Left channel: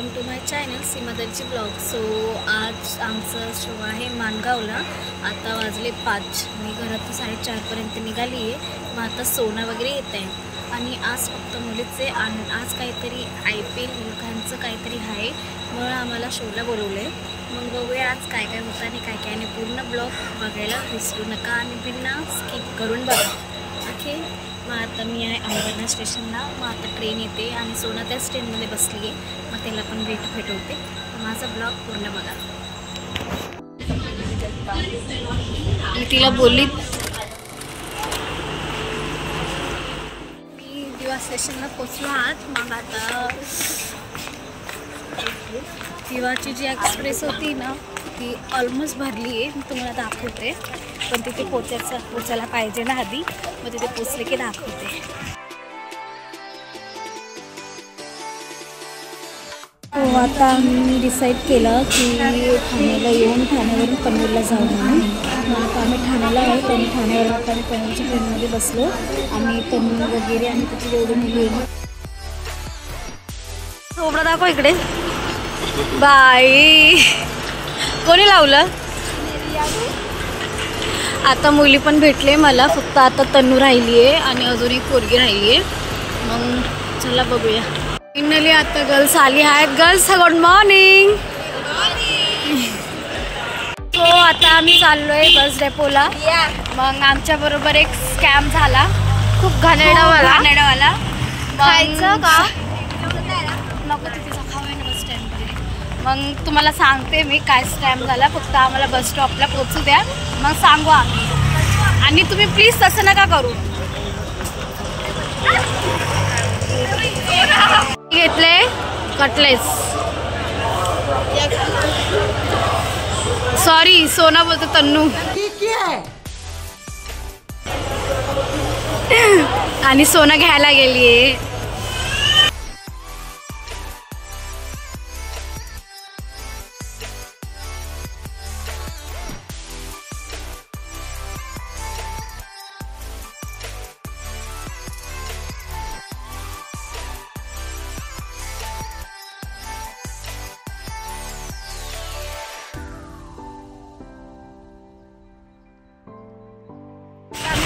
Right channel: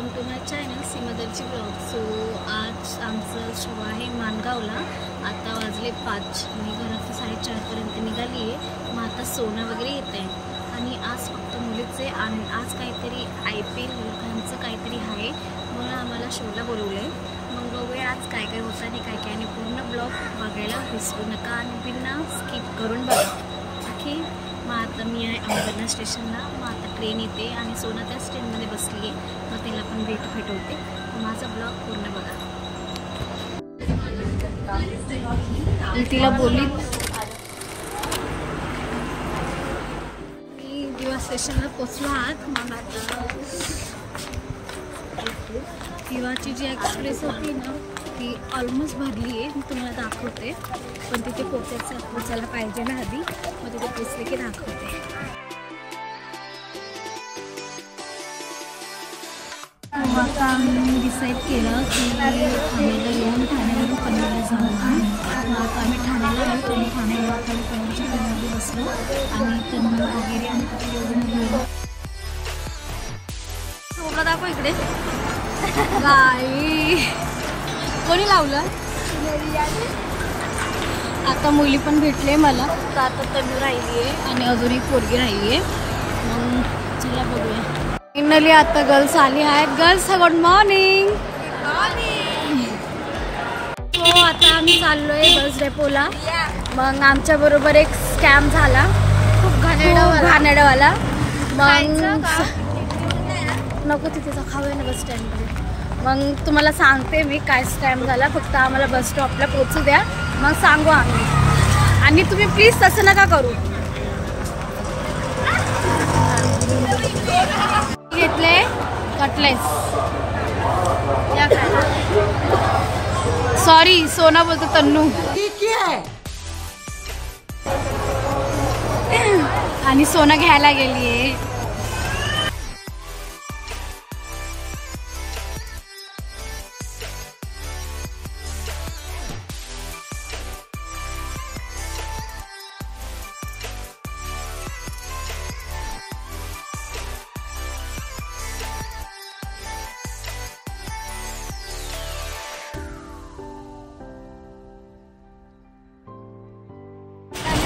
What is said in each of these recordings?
Welcome to my channel सीमादलची blog. So आज आमचं शो आहे माणगावला। आता वाजले 5, मी घरातून 4:30पर्यंत निघाली आहे। मग आता सोना वगैरे येत आहे आणि आज फक्त मुलीचे आज काहीतरी IPL मुलखांचं काहीतरी आहे, म्हणून आम्हाला शोला बोलवलं आहे। मग बघूया आज काय काय होतं आणि काय काय नाही। पूर्ण ब्लॉग बघायला विसरू नका आणि बिना स्किप करून बघा। ओके, मग आता मी आहे अंबरनाथ स्टेशनला। मग आता ट्रेन येते आणि सोना त्याच ट्रेनमध्ये बसली आहे, मग त्याला पण भेटवते। मग माझा ब्लॉग पूर्ण बघा। मी तिला बोलली मी दिवा स्टेशनला पोचलो आहात। मग आता दिवाची जी एक्सप्रेस होती ना ती ऑलमोस्ट भरली आहे, मी तुम्हाला दाखवते। पण तिथे पोचायला पाहिजे ना आधी, मग तिथे पोचले की दाखवते। हो, आता आम्ही डिसाईड केलं की ठाण्याला येऊन ठाण्यावरून पनवेलला जाऊ म्हणून। मग आता आम्ही ठाण्याला आहोत आणि ठाण्यावरून आता आम्ही पनवेलच्या ट्रेनमध्ये बसलो आणि तन्नू वगैरे आणि तिथे एवढी मुली येईल। थोडं दाखव इकडे। बाई कोणी लावलं? आता मुली पण भेटले मला, फक्त आता तन्नू राहिली आहे आणि अजून एक पोरगी राहिली आहे। मग चला बघूया। फायनली आता गर्ल्स आली आहेत। Girls good morning. तो आता आम्ही चाललोय बस डेपोला। मग आमच्या बरोबर एक स्कॅम झाला, खूप घाणेरडावाला। मग नको तिथे खाऊया ना बस स्टँडमध्ये। मग तुम्हाला सांगते मी काय स्कॅम झाला, फक्त आम्हाला बस स्टॉपला पोहोचू द्या, मग सांगू आम्ही। आणि तुम्ही प्लीज तसं नका करू। घेतले कटलेस, सॉरी सोना बोलतो तन्नू। आणि सोना घ्यायला गेलीये।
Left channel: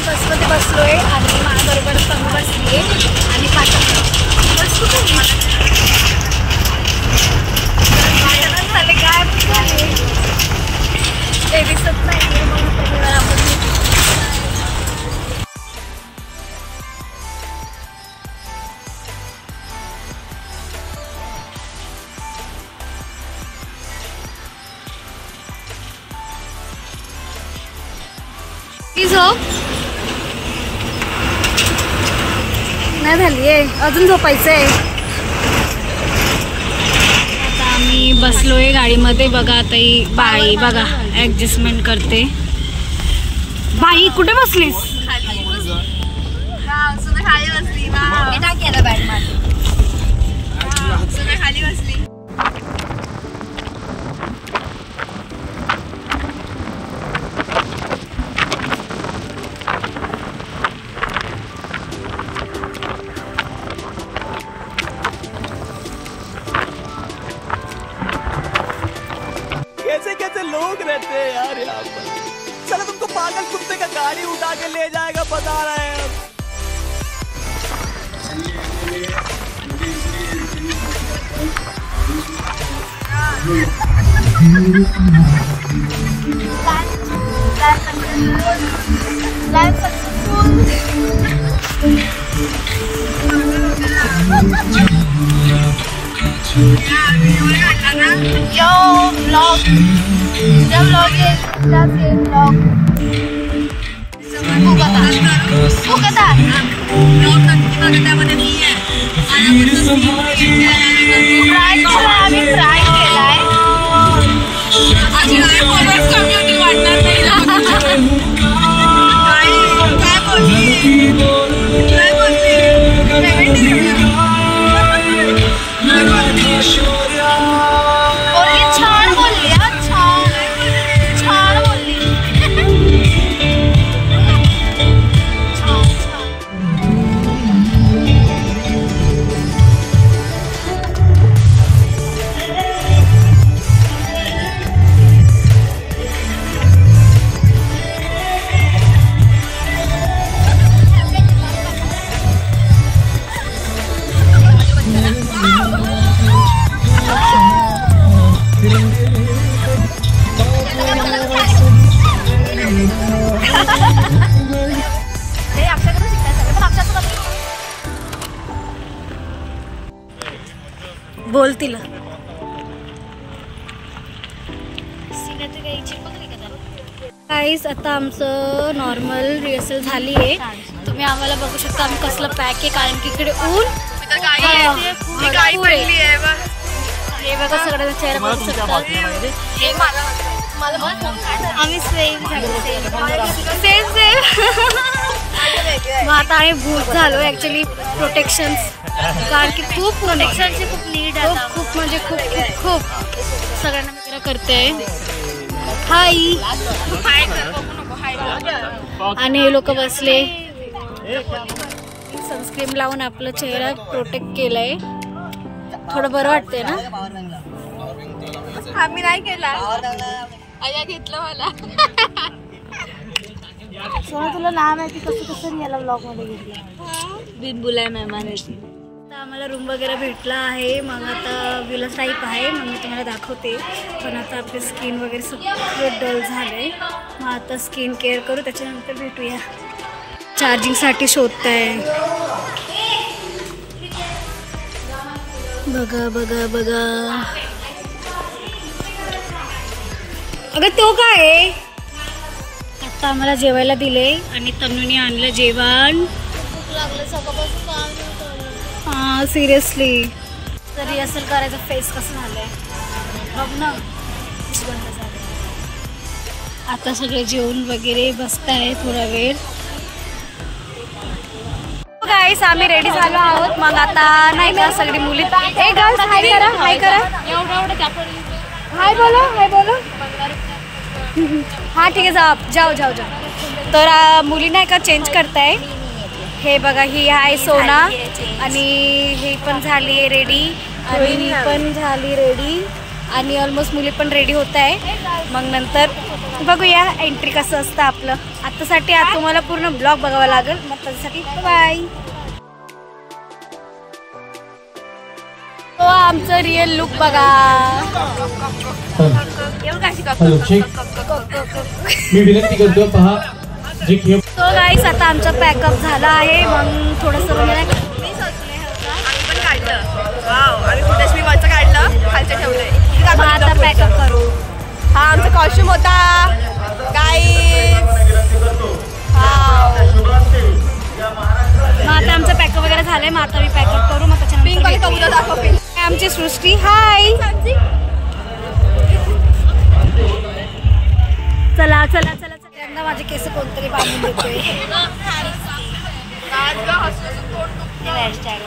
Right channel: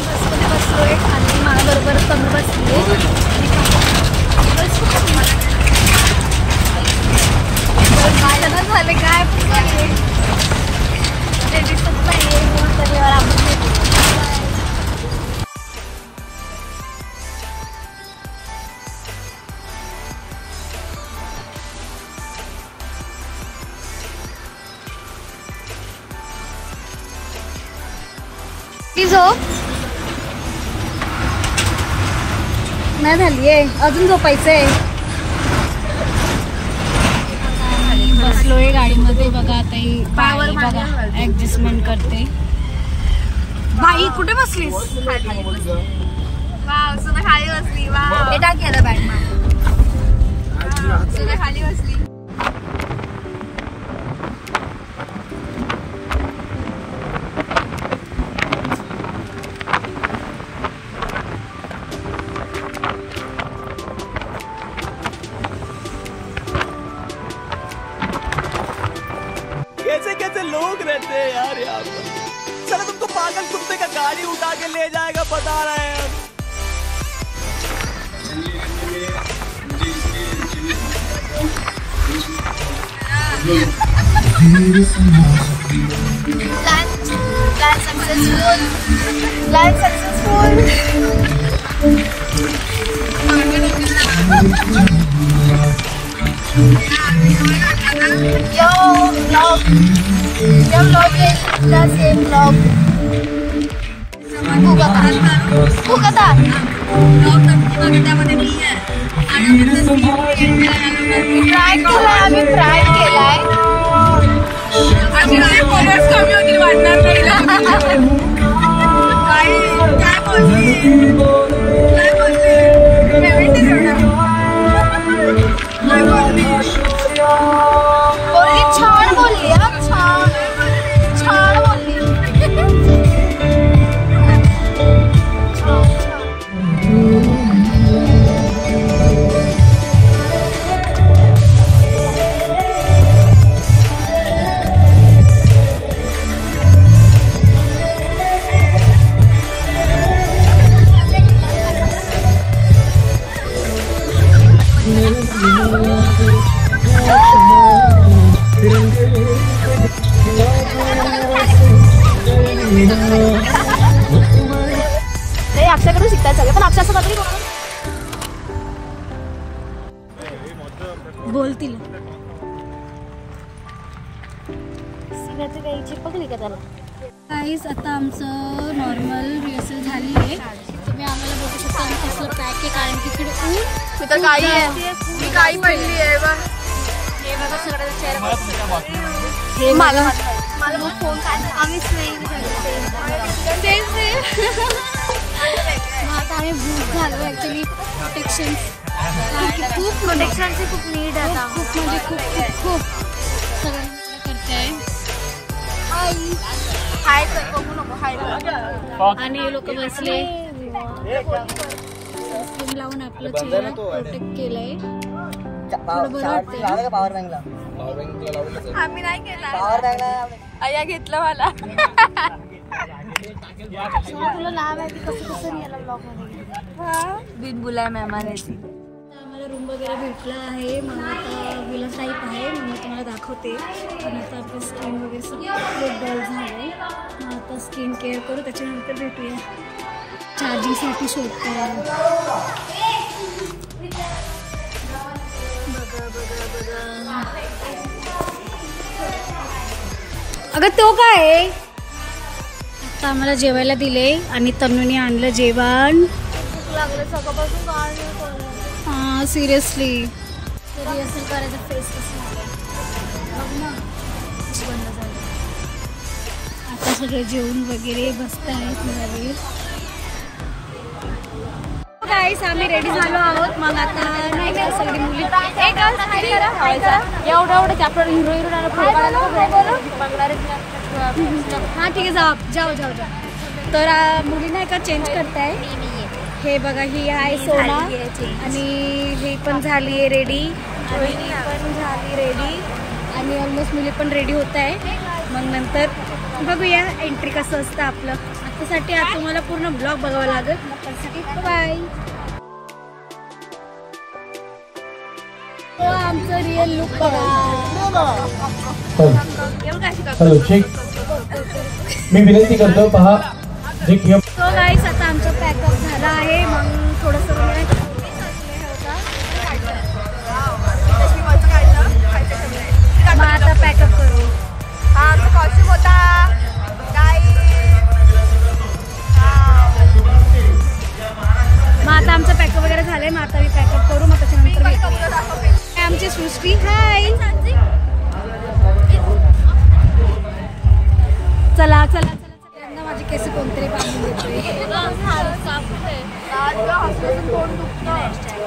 बसमध्ये बसलोय आणि माझ्याबरोबर तन्नू बसली आहे आणि काय पण झाले ते दिसत नाहीये, म्हणून तरीवर आपण भेटू। प्लीज हो, नाही झालीये अजून झोपायचंय। आता आम्ही बसलोय गाडीमध्ये। बघा आता ही बाई बघा ऍडजस्टमेंट करते। बाई कुठे बसलीस? खाली बसली। कैसे कैसे लोग रहते हैं यार यहाँ पर। चलो तुमको पागल कुत्ते का गाड़ी उठा के ले जाएगा, बता रहे हैं हम। बोल तिला. सिंगाची काही चिपकली का त्याला? गाईस आता आमचं नॉर्मल रिहर्सल झाली आहे. तुम्ही आम्हाला बघू शकता आम्ही कसलं पॅक आहे, कारण की इकडे ऊन हे बघा सगळं विचार. हे आम्ही सेम मग आता आम्ही भूत झालो ऍक्च्युली प्रोटेक्शन्स, कारण की खूप प्रोटेक्शनची खूप नीड आहे. खूप म्हणजे खूप खूप खूप सगळ्यांना मित्र करते. हाय आणि हे लोक बसले सनस्क्रीन लावून आपला चेहरा प्रोटेक्ट केलाय. थोडं बरं वाटतंय ना. आम्ही नाही केला, आया घेतला मला. तुला नाव माहिती कसं कसं याला ब्लॉग मध्ये घेतलं बिन बुलाय मेहमान आहे ती. आता आम्हाला रूम वगैरे भेटला आहे. मग आता विलास टाईप आहे, मग मी तुम्हाला दाखवते. पण आता आपली स्किन वगैरे सगळं डल झालंय. मग आता स्किन केअर करू, त्याच्यानंतर भेटूया. चार्जिंगसाठी शोधताय. बघा बघा बघा. अगं तो काय आहे? आता आम्हाला जेवायला दिले आणि तन्नूने आणलं जेवण. हा सिरियसली तर रिहर्सल करायचं. फेस कसं झालंय बघ ना, बंद झालं. आता सगळे जेवण वगैरे बसताय थोडा वेळ. गाईस आम्ही रेडी झालो आहोत. मग आता नाही का सगळी मुली एवढं आपण हिरो हा ठीक आहे जाऊ जाऊ जाऊ जाऊ. तर मुली नाही का चेंज करताय. हे बघा ही आहे सोना आणि ही पण झाली आहे रेडी, ही पण झाली रेडी आणि ऑलमोस्ट मुली पण रेडी होत आहे. मग नंतर बघूया एंट्री कसं असतं आपलं. आतासाठी आज तुम्हाला पूर्ण ब्लॉग बघावा लागेल. मग त्यासाठी बाय. तो आमचं रिअल लुक बघा. तो गाईस आता आमचा पॅकअप झाला आहे. मग थोडंसं वगैरे मग आता पॅकअप करू. हा आमचा कॉस्ट्यूम होता मग आता आमचं पॅकअप वगैरे झालंय. मग आता मी पॅकअप करू, मग त्याच्यानंतर भेटूया. आमची सृष्टी हाय. चला चला चला चला. माझे केस कोणतरी बांधून देतोय. हॅशटॅग